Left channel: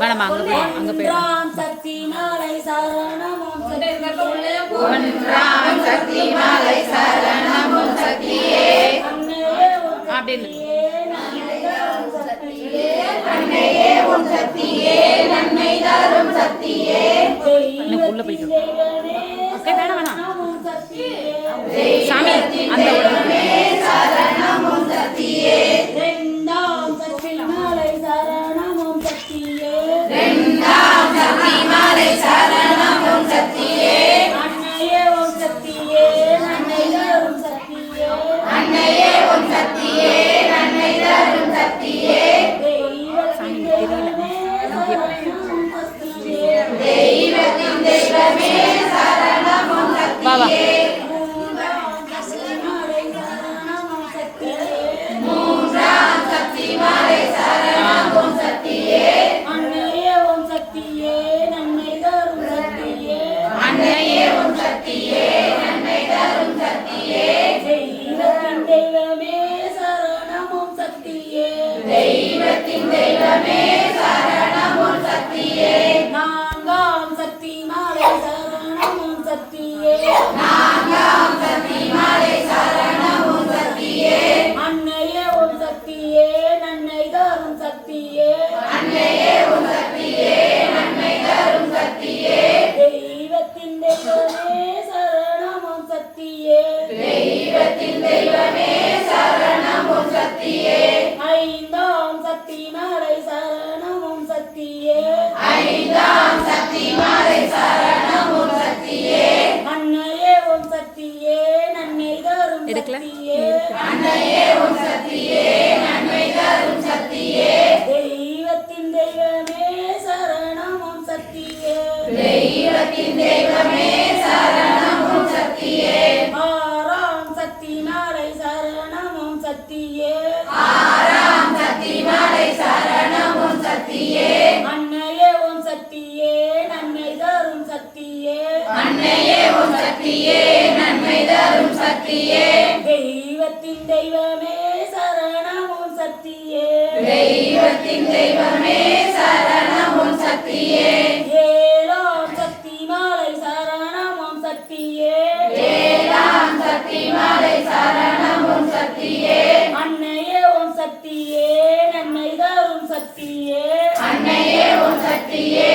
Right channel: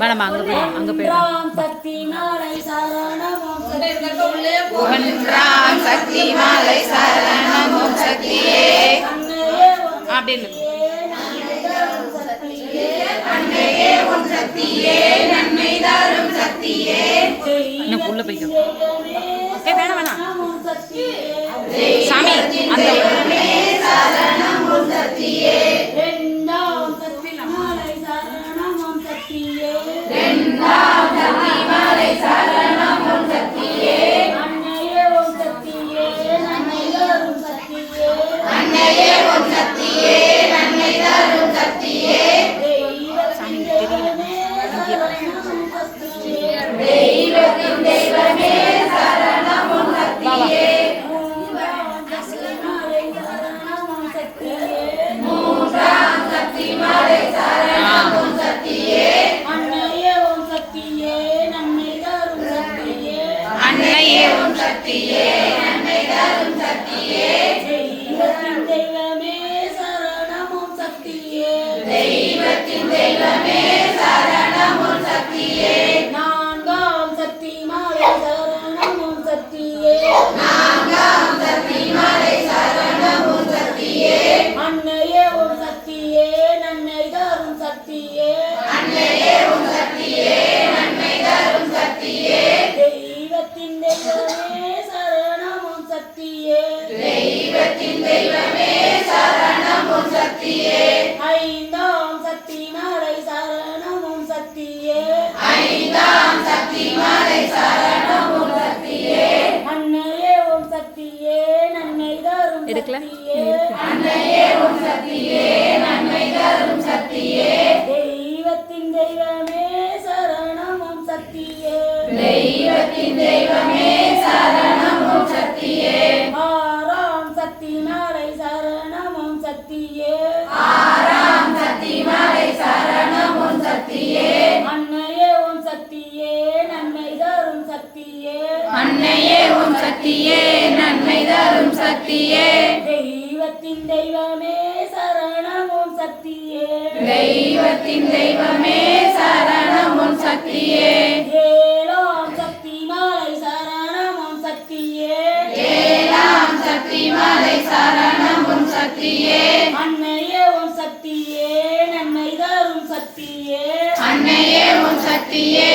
வேணாமா அங்க போய் ஒன்றாம் சக்தி மாலை சரணம் ஓம் ஒன்றாம் சக்தி மாலை சரணம் ஓம் சக்தியே அப்படின்னு நன்மை தரும் சக்தியே இன்னும் உள்ள போய்க்கும் ஓகே வேணாம் வேணாம் சாமி அந்த சரணம் ஓம் சக்தியே ரெண்டாம் சக்தி மாலை சரணம் ஓம் சக்தியே இரண்டாம் சக்தி மாலை சரணம் ஓம் சக்தியே அன்னையே ஓம் சக்தியே நன்மை தரும் சக்தியே அன்னையே ஓம் சக்தியே நன்மை தரும் சக்தியே தெய்வத்தின் தெய்வமே சரணம் ஓம் சக்தியே மூன்றாம் சக்தி மாலை சரணம் ஓம் சக்தியே அன்னையே ஓம் சக்தியே நன்மை தரும் சக்தியே அன்னையே ஓம் சக்தியே நன்மை தரும் சக்தியே தெய்வத்தின் தெய்வமே சரணம் ஓம் சக்தியே தெய்வத்தின் தெய்வமே சரணம் ஓம் சக்தியே நான்காம் சக்தி மாலை சரணம் ஓம் சக்தியே நான்காம் சக்தி மாலை சரணம் ஓம் சக்தியே அன்னையே ஓம் சக்தியே நன்மை தரும் சக்தியே அன்னையே ஓம் சக்தியே நன்மை தரும் சக்தியே தெய்வத்தின் தெய்வமே சரணம் ஓம் சக்தியே தெய்வத்தின் தெய்வமே சரணம் ஓம் சக்தியே ஐந்தாம் சக்தி மாலை சரணம் ஓம் சக்தியே ஐந்தாம் சக்தி மாலை சரணம் ஓம் சக்தியே அன்னையே ஓம் சக்தியே நன்மை தரும் எடுக்கல? சக்தியே அன்னையே ஓம் சக்தியே நன்மை தரும் சக்தியே தெய்வத்தின் தெய்வமே சரணம் ஓம் சக்தியே தெய்வத்தின் தெய்வமே சரணம் ஓம் சக்தியே ஆறாம் சக்தி மாலை சரணம் ஓம் சக்தியே ஆறாம் சக்தி மாலை சரணம் ஓம் சக்தியே அன்னையே ஓம் சக்தியே நன்மை தரும் சக்தியே அன்னையே ஓம் சக்தியே நன்மை தரும் சக்தியே தெய்வத்தின் தெய்வமே சரணம் ஓம் சக்தியே தெய்வத்தின் தெய்வமே சரணம் ஓம் சக்தியே ஏழாம் சக்தி மாலை சரணம் ஓம் சக்தியே ஏழாம் சக்தி மாலை சரணம் ஓம் சக்தியே அன்னையே ஓம் சக்தியே நன்மை தரும் சக்தியே அன்னையே ஓம் சக்தியே